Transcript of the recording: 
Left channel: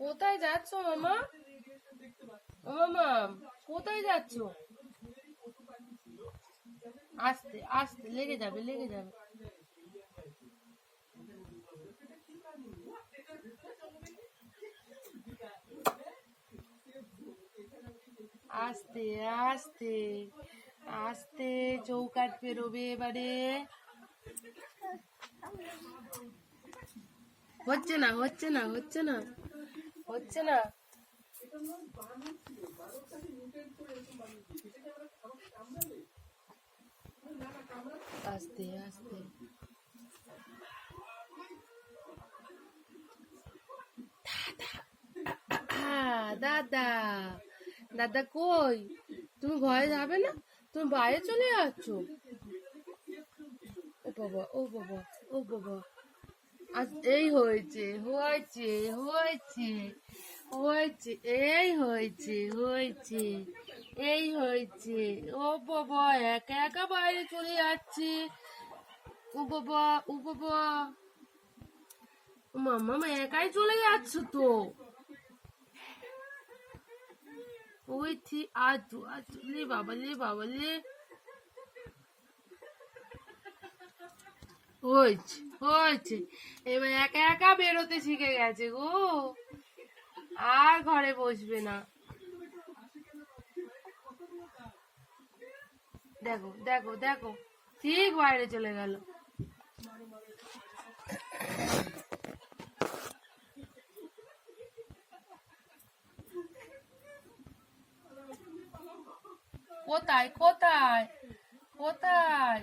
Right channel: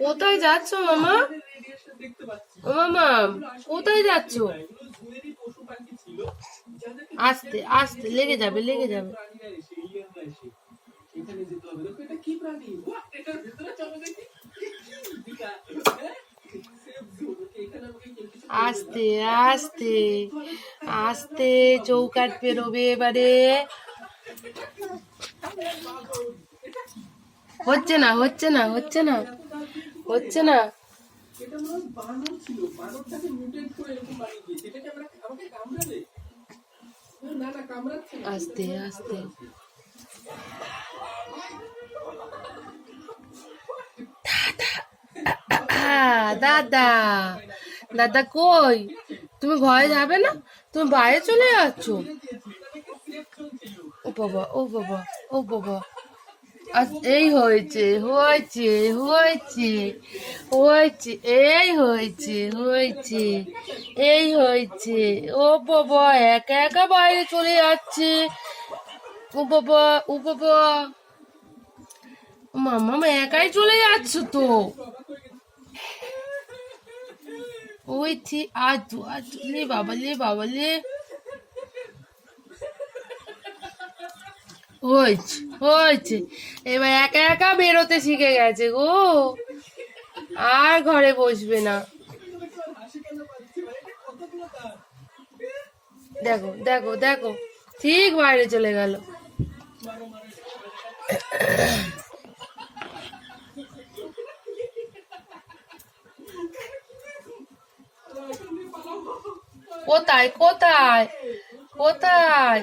কোথায় যাচ্ছ মামা? ও মামা, কোথায় যাচ্ছ? আস্তে আস্তে, লেগে যাবে লেগে যাবে। আস্তে আস্তে আস্তে, চৌকাঠ পেরোবে এবারে। হচ্ছে না হচ্ছে না হচ্ছে না হচ্ছে না। আস্তে আস্তে, দাদা দাদা কই? তুমি ঘরে যাবে না? তুমি বাইরে চলে যাচ্ছ? ও বাবা ও বাবা ও বাবা, এই হয়েছে হয়েছে হয়েছে হয়েছে, এই হয়েছে হয়েছে, এই হয়েছে। ও বাবা, একা একা বাইরে চলে যাচ্ছে। ও বাবা ও বাবা, মামা একাই চলে যাচ্ছ তো। ওই আজ আজ, লে বাবা লে বাবা লে। হয়েছে হয়েছে, এবার একা একা বেরোতে শিখে গেছে গো, আর ঘরে বসবে না। দেখো দেখো দেখো, ঠিক বাইরে চলে গেল। কোথায় কোথায় কোথায়?